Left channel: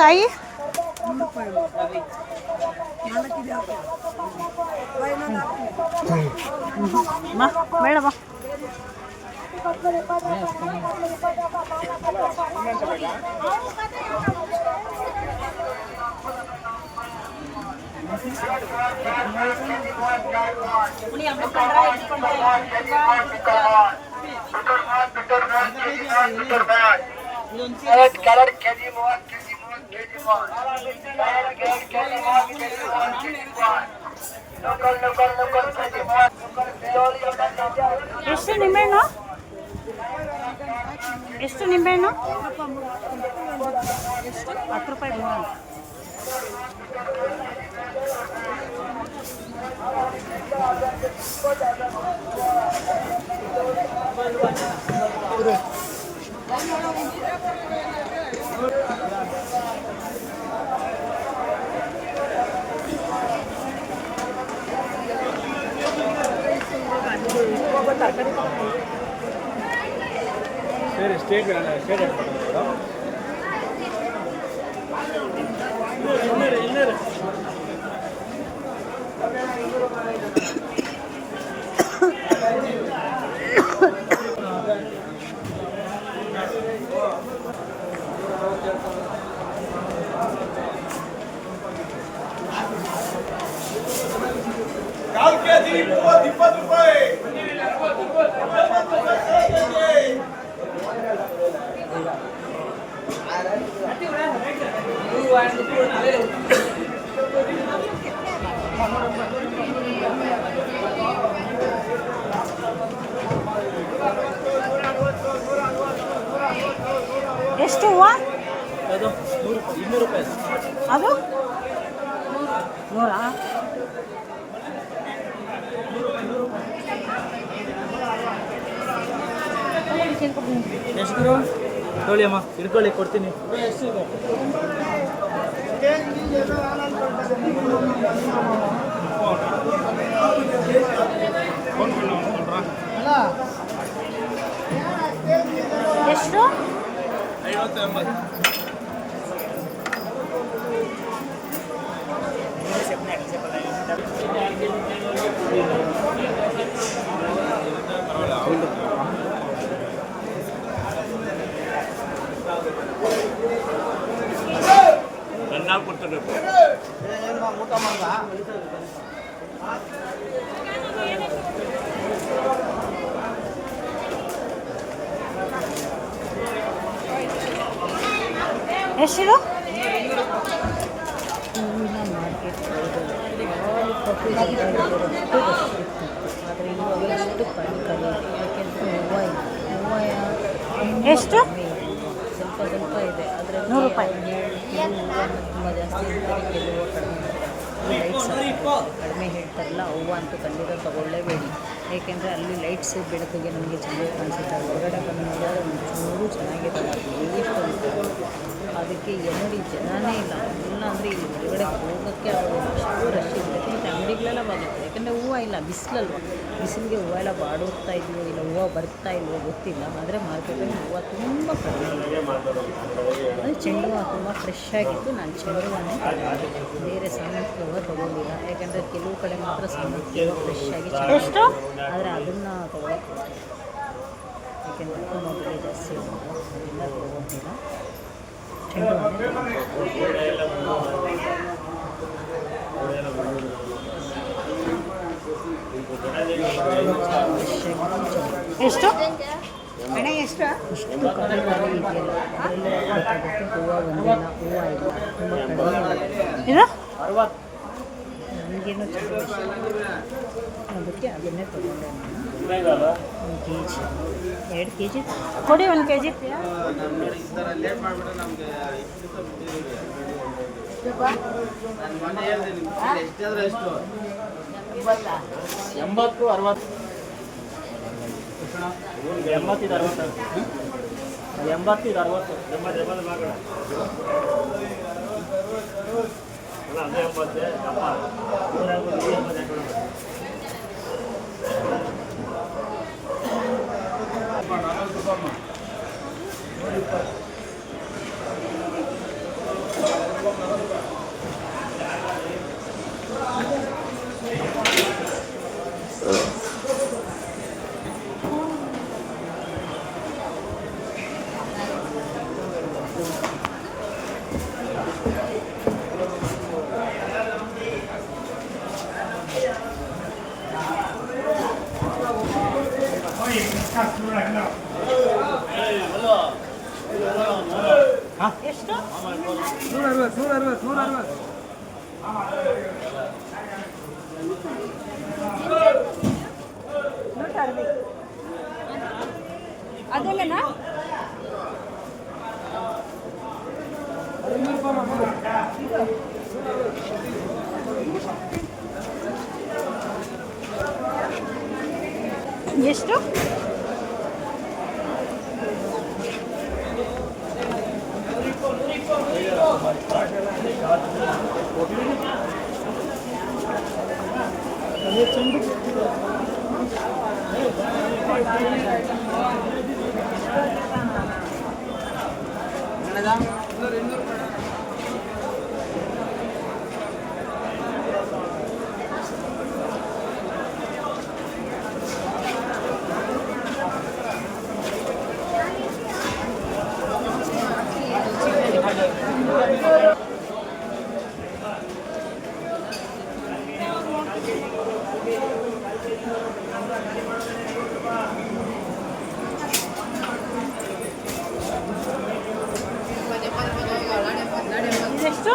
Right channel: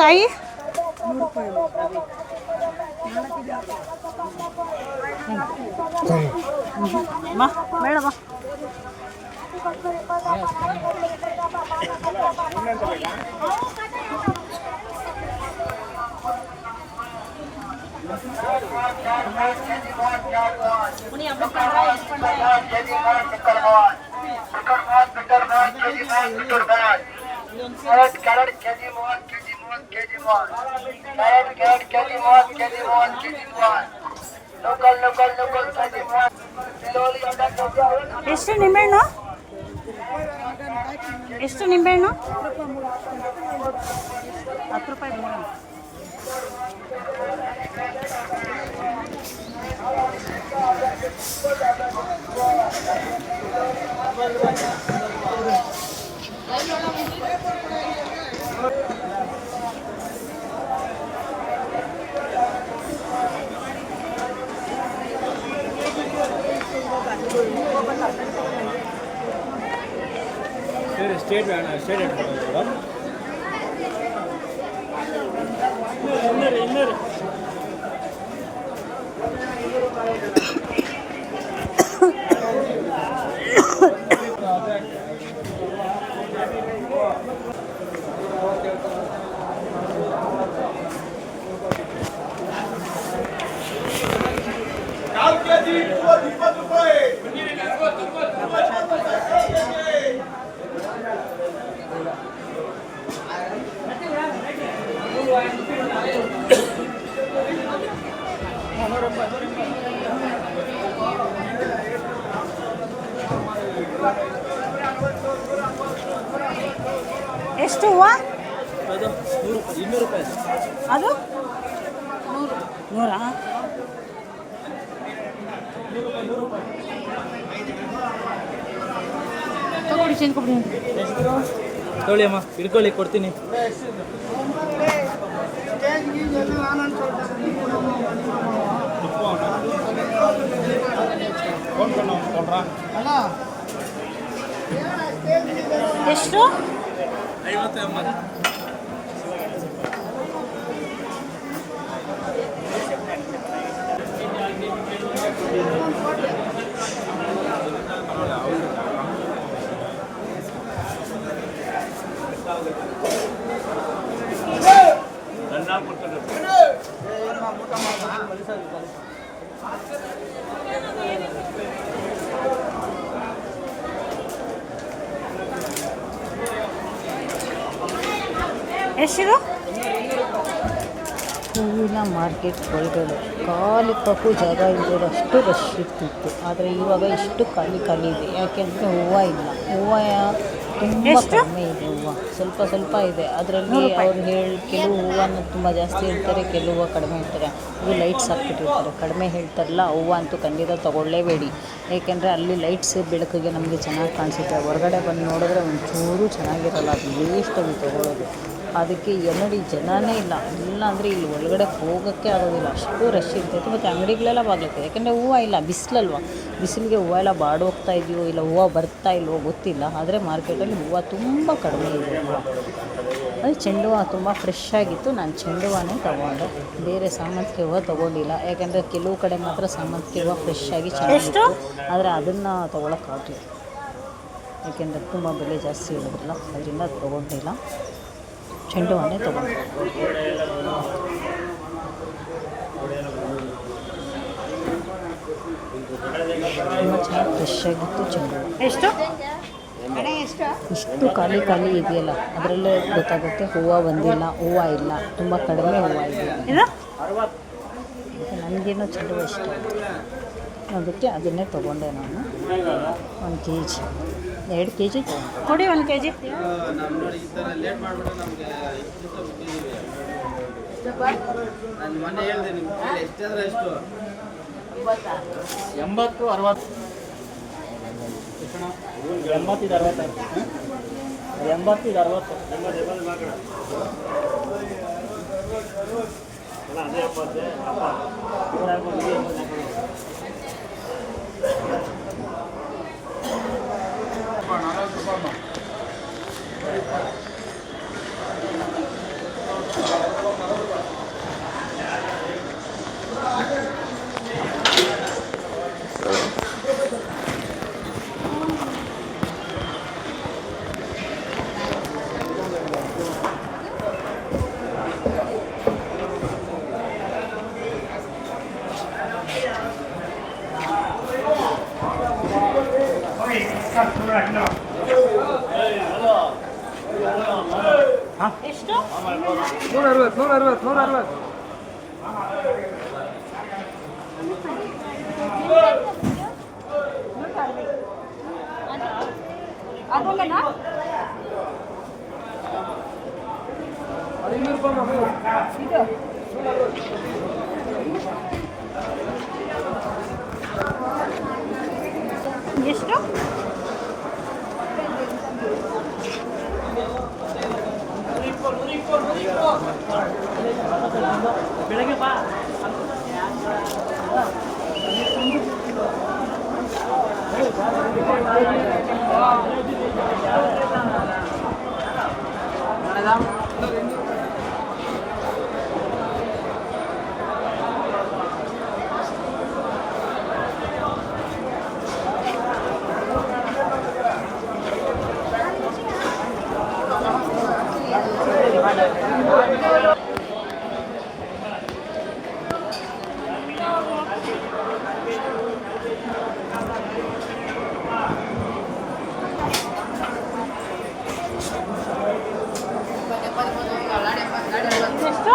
ಕಾಯಿ ಬಾ ಬೇಡ ಬಾ. ಎಷ್ಟು ನಿಂಬೆಹಣ್ಣು? ಎಷ್ಟು ನಿಂಬೆಹಣ್ಣು? 10 ರೂಪಾಯಿ ಮೂರನ್ನು. ಸ್ಟೇಟ್ ಎಷ್ಟು ಹೂವು? ಅದು 200 ರೂಪಾಯಿ. ಅದು 100. ತೊಗೊಳ್ಳಿ ಅಮ್ಮ, ಹಿಡ್ಕೊಳ್ಳಿ, ಕೊಡ್ತೀನಿ. ಎಷ್ಟು? 50 80. ಎಷ್ಟಿದು? ಹೂವಿನ ಮಾರ್ಕೆಟ್ ಒಳಗಡೆ ಖಾಲಿ ಕಪ್ಪು ಜಾಗ ಇರೋಷ್ಟು ರಶ್ ಇರ್ತಿತ್ತು. ಆದರೆ ಇವಾಗ ಎಷ್ಟು ಖಾಲಿ ಇದೆ. ಯಾಕೆಂದರೆ ಹೂವು ಇಲ್ಲ. ಹೂವು ತುಂಬ ಕಡಿಮೆ ಇದೆ. ಹೂವು ಸ್ವಲ್ಪ ಇದೆ. ಅದರಲ್ಲಿ ಅವ್ರು ಕೆಲವು ಹೂವನ್ನು ತುಂಬ ಜಾಸ್ತಿ ಹೇಳ್ತಾರೆ, ಕೆಲವು ಹೂವು ಕಡಿಮೆ ಹೇಳ್ತಾರೆ. ಇದು ಲೈಟ್ಸ್ ಹಾಕ್ಬಿಟ್ಟಿರ್ತಾರೆ. ಕಡಿಮೆ ಹೇಳ್ತಾರಲ್ಲ, ಹೂವು ಅಂತೂ ಖಂಡಿತ ತೊಗೊಳ್ಳೇಬೇಡಿ. ಏಕೆಂದರೆ ಅಲ್ಲಿ ಲೈಟ್ಸ್ ಬೆಳಕಿಗೆ ನಮಗೆ ಚೆನ್ನಾಗಿ ಕಾಣಿಸುತ್ತೆ. ಹೊರಗಡೆ ಬಂದು ನೋಡಿದ್ರೆ ಒಂಚೂರು ಚೆನ್ನಾಗಿರಲ್ಲ. ಅದು ವೇಸ್ಟ್ ಅದು ತೊಗೊಳ್ಳೋದು. ಅದಕ್ಕೆ ನೋಡಿ ಜನನೇ ಇಲ್ಲ ಅಂದರೆ ಇಲ್ಲಿ ಒಳಗಡೆ ಹೋಗೋಕ್ಕೆ ಆಗೋದಿಲ್ಲ, ಅಷ್ಟು ರಶ್ ಇರ್ತೈತೆ. ಮತ್ತು ಅಂಗಡಿಗಳೆಲ್ಲ ಬಾಗುತ್ತೆ. ಯಾಕೆಂದರೆ ಹೂವು ಇಲ್ಲ, ಬಿಸಿಲಲ್ವ, ಬಿಸಿಲಿಗೆ ಹೂವು ಎಲ್ಲ ಬಾಡೋಗ್ತಾ ಇದೆಯೋ ಇಲ್ಲ ಹೂವು ಬರ್ತಾ ಇಲ್ವೋ ಗೊತ್ತಿಲ್ಲ. ಆದರೆ ಮಾರ್ಕೆಟಲ್ಲಿ ಹೂವು ತುಂಬ ಕಡಿಮೆ ಇದೆ. ಅದು ಚೆಂಡು ಹೂವು ತುಂಬ ಫ್ರೆಶ್ ಆಗಿತ್ತು. ನಾನು ಚೆಂಡು ಹೂವನ್ನೇ ತೊಗೊಂಡೆ, ಬೇರೆ ಸಾಮಂತಿಗೆ ಹೂವು ತೊಗೊಂಡಿಲ್ಲ. ಯಾಕೆಂದರೆ ಕೆಲವು ಕಡೆ ಮಾತ್ರ ಸಾಮಂತಿಗೆ ಹೂವು ಫ್ರೆಶ್ ಆಗಿ ಚೆನ್ನಾಗಿತ್ತು. ಆದರೆ ಅದನ್ನು ತೊಗೊಳಕ್ಕಾಗಲಿಲ್ಲ, ಏಕೆಂದರೆ ತುಂಬ ಬೆಲೆ ಜಾಸ್ತಿ ಇರೋದಿಲ್ಲ. ಅದರಿಂದ ತೊಗೊಂಡಿಲ್ಲ, ಚೆಂಡು ಹೂವನ್ನೇ ತೊಗೊಂಡು. ತುಂಬ ಚೆನ್ನಾಗಿ ಫ್ರೆಶ್ ಆಗಿತ್ತು ಚೆಂಡು. ಎಷ್ಟು ಇಷ್ಟು ಖಾಲಿ ಇದೆಯಲ್ಲ, ಅದರಲ್ಲೇ ಗೊತ್ತಾಗುತ್ತೆ ಹೂವು ಬಂದಿಲ್ಲ, ಹೂವು ಇಲ್ಲ, ತುಂಬ ಕಡಿಮೆ ಹೂವು ಇದೆ. ಇದು ನನಗೇನೋ ಚೆಂಡು ಹೂವು ಇಷ್ಟ, ಅದಕ್ಕೆ ಅದನ್ನೇ ತೊಗೊಂಡೆ ನಾನು. 1 kg 2 kg ಕೊಡಿ. 1 kg 80 60 80 ಇದು 60 80 ಇದು 60 80 ಅದಲ್ಲೇನಾ ಇದು ಎಷ್ಟು ಇದೆಷ್ಟು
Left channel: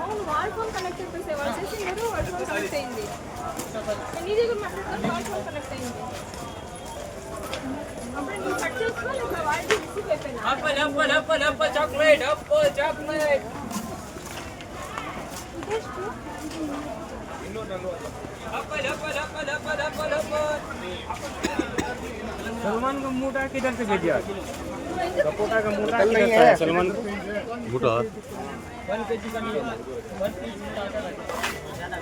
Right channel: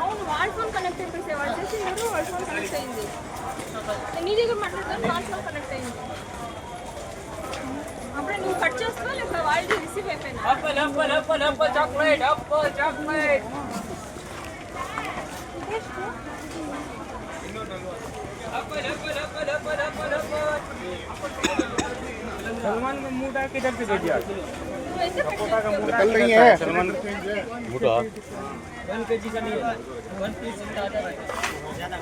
అవును వాల్ ఫోన్ కనెక్ట్ అయిపోయి వాళ్ళు చేసి మీరు వాల్ ఫోన్ కనెక్ట్ అయింది నీ దగ్గర మాట్లాడుతాను వాల్ ఫోన్ కనెక్ట్ అయింది అప్పుడు నువ్వు కట్ చేసుకో లేకపోతే వాళ్ళు రిసీవ్ అయిపోయినా apple chocolate सलमान का मोटा किधर से भेज दिया कल नहीं है सलमान मोटा 1 kg का नहीं है 1 pieces का आता है ज्यादा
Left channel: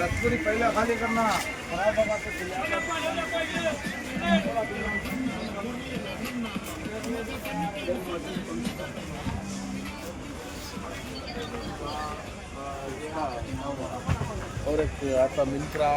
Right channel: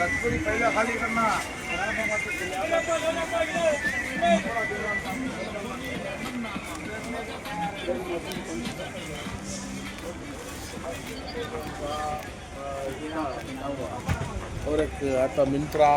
रसगुल्ली पहले खाली करना और एक आता मिंत्रा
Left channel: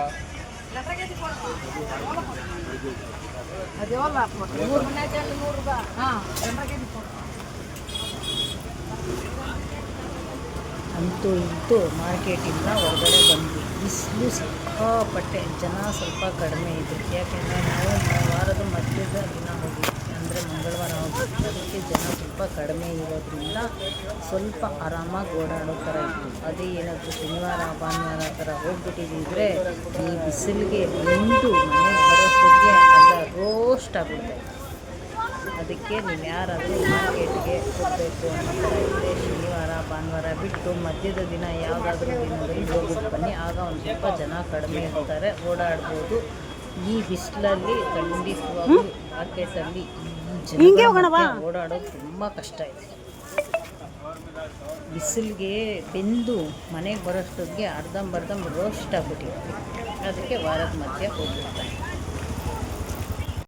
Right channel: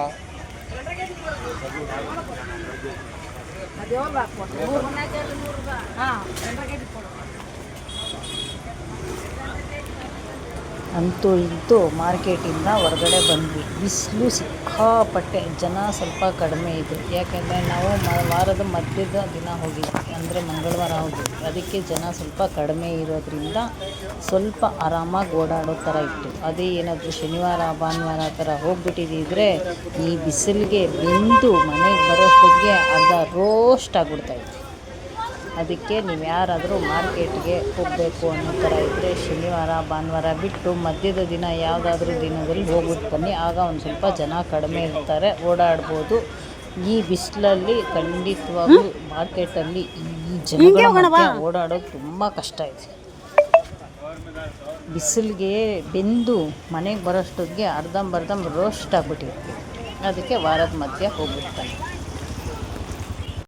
ಅಂತೂ ಇಂತೂ ಮಾರ್ಕೆಟಿಂದ ಹೊರಗಡೆ ಬಂದ್ವಿ. ಬಿಸಿಲು ಸಿಕ್ಕಾಪಟ್ಟೆ, ಜನ ಸ್ವಲ್ಪ ಕಡಿಮೆ ಇದೆ. ಯಾಕೆಂದರೆ ನಾವು ವಾರದ ಮಧ್ಯದ ದಿನ ಹೋಗಿದ್ವಿ, ಅಂದರೆ ಮಂಗಳವಾರ ಹೋಗಿದ್ವಿ. ಅದಕ್ಕೆ ಜನ ಸ್ವಲ್ಪ ಕಡಿಮೆ ಇರೋದ್ರಿಂದ ಸ್ವಲ್ಪ ಆರಾಮಾಗಿ ಓಡಾಡೋ ಥರ ಇತ್ತು. ಅದೇ ಏನಾದರೂ ಶನಿವಾರ ಭಾನುವಾರ ಥರ ಹೋಗ್ಬಿಟ್ಟಿದ್ದಿದ್ರೆ ಈ ಬಿಸಿಲಿಗೆ ಬೆಂದು ಮನೆಗೆ ಬರೋಷ್ಟೊತ್ತಿಗೆ ಅರ್ಧ ರೋಸ್ಟ್ ಆಗಿಬಿಡ್ತಾಯಿತ್ತು. ಅದಕ್ಕೆ ನೀವು ಯಾರಾದರೂ ಮಾರ್ಕೆಟ್ಗೆ ಹೋಗಬೇಕು ಅನ್ನೋ ಥರ ಇದ್ದರೆ ಶನಿವಾರ ಭಾನುವಾರ ಬಿಟ್ಟು ಮಧ್ಯದ ದಿನ ಯಾವುದಾದ್ರೂ ದಿನದಲ್ಲಿ ಹೋಗ್ಬಿಟ್ಟು ಬನ್ನಿ. ಆಗ ಒಂದು ಸ್ವಲ್ಪ ಜನ ಕಡಿಮೆ ಇರ್ತಾರೆ, ಓಡಾಡ್ಬೋದು. ಈ ಬಿಸಿಲಲ್ಲಿ ಖಂಡಿತವಾಗ್ಲೂ ಮಾರ್ಕೆಟಲ್ಲಿ ಈ ಜನಗಳ ಮಧ್ಯೆ ಓಡಾಡೋದು ತುಂಬ ಕಷ್ಟ ಇದೆ. ಬಿಸಿಲಿಗೆ ಬೆಂದು ಮನೆಗೆ ಬರೋಷ್ಟೊತ್ತಿಗೆ ಅರ್ಧಂಬರ್ಧ ರೋಸ್ಟ್ ಆಗಿಬಿಟ್ಟಿದೆ. ಅದಕ್ಕೆ ವಾರದ ಮಧ್ಯೆ ಹೋಗ್ಬಿಡ್ತಾರೆ.